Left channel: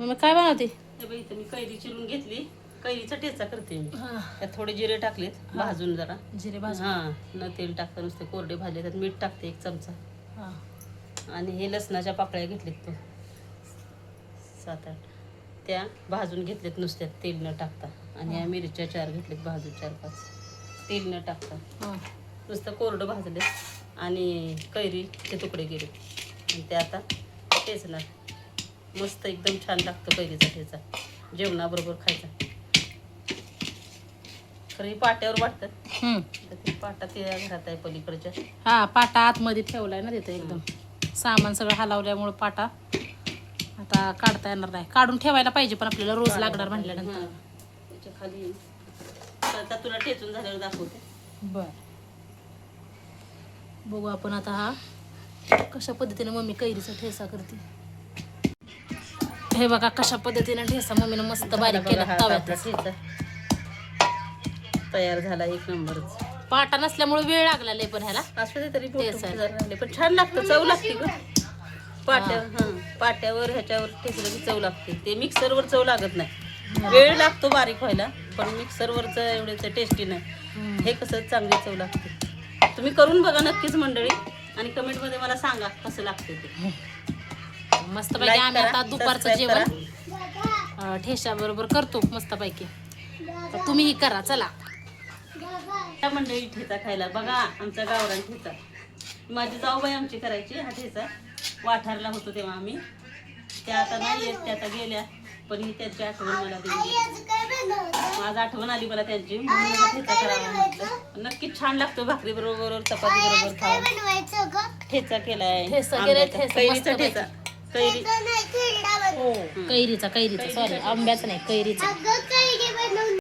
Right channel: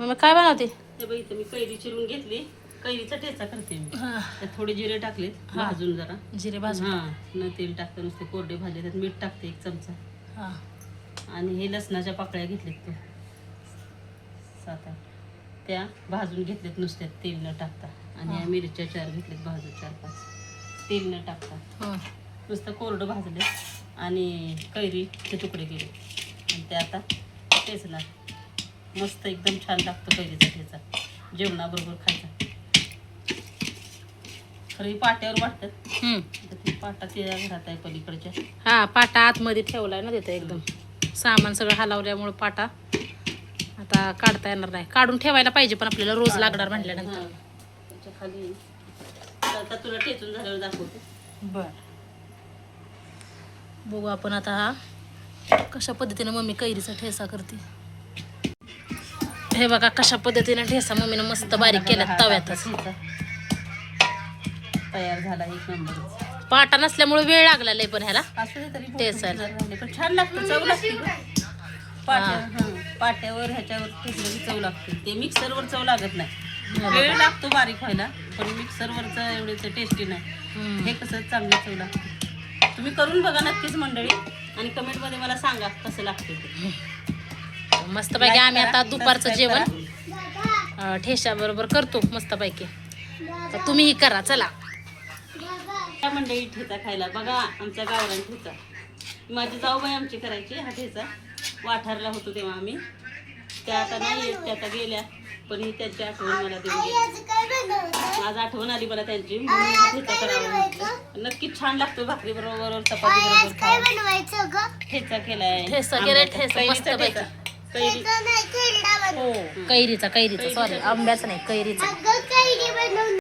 मग काय बनवते? इथं मी कैरी चिरून घेतली. कैरीचा ठेचा करते मी. त्यात थोडे जिरे टाकलेत भाजून जरा. जिरे भाजून. हां, न तेल टाकतं नुसते कोरडे भाजले. त्यात मीठ टाकते 1 चमचा. हां. आणि हे लसणाच्या पाकळ्या घेतल्यात 7-8 त्या भाजून घेतल्यात नुसत्या तेल न टाकता. आणि या मिरच्या 4 घेतल्यात भाजून 4-5 तेल न टाकता. नुसतं कोरडं भाजले आणि कैरीचे तुकडे गेले आणि ते आता ठेचला. मस्त एकदम छान लागतो कैरीचा ठेचा. जेवणाबरोबर खायचा. खरं पाट्यावर वाटतात. तर ते पाटा त्या घरात आहे पलीकडच्या. हा, पाटा आतमध्ये ठेवलाय ना तिथं. एकदम सामान सगळं हलवल्यामुळे पाटा आता काढता येणार नाही. काढून ठेवायला पाहिजे पण आपल्याला रोज लागणार म्हटल्यानंतर. त्याच्या खाली आता तुला ठेचून झाल्यावर दाखवते. बर, बघू आपण आता हा कशा पद्धतीने मम्मी कैरीचा ठेचा करते. हे बघा कशा पद्धतीने ठेचा मम्मीनं मस्त बारीक केला तव्यातच. तयार झाला 1 नंबर. पाटा नसल्यामुळे वेळ लागला लय पण ह्याला असू दे तरी ठेचायला. राहिले पण छान लागतं. चव लागते पाट्यावर ह्याच्यावर ठेचलं की चव लागते. ते मिक्सरवर चव लागत नाही. वेळ लागतो बारीक व्हायला पण मिक्सरवरचं एवढंच टेस्टी नाही. हे कसं चांगली चव लागते. तुम्ही करून बघा नक्कीच मंडळी आणि कमेंटमध्ये मला सांगा कसं लागते ते. मस्तपैकी आम्ही आता दुपारचं जेवण ठेचा बरोबर करतो मस्तपैकी. तर तुम्हीही करा. चला त्या मंडळी ठेचा खायला बघा. आमचा गावरान ठेचा माझी जाऊबाई आमची करायची. हा ठेचा वाठारला होतो तेव्हा आम्ही. त्या आता नाही येत, त्या आता गेल्या. पण ही त्यांची आठवण मला देऊन गेली. आज आठवण आली मला त्यांची म्हणून हा ठेचा करावा म्हटलं. नक्कीच छान लागतो भाकरी बरोबर चपाती बरोबर खायला. ठेचा केलाय. ठेचा केलाय. ठेचा मस्तपैकी. कैरी हो कैरीचा सॉरी आंब्याचा नाही कैरीचा.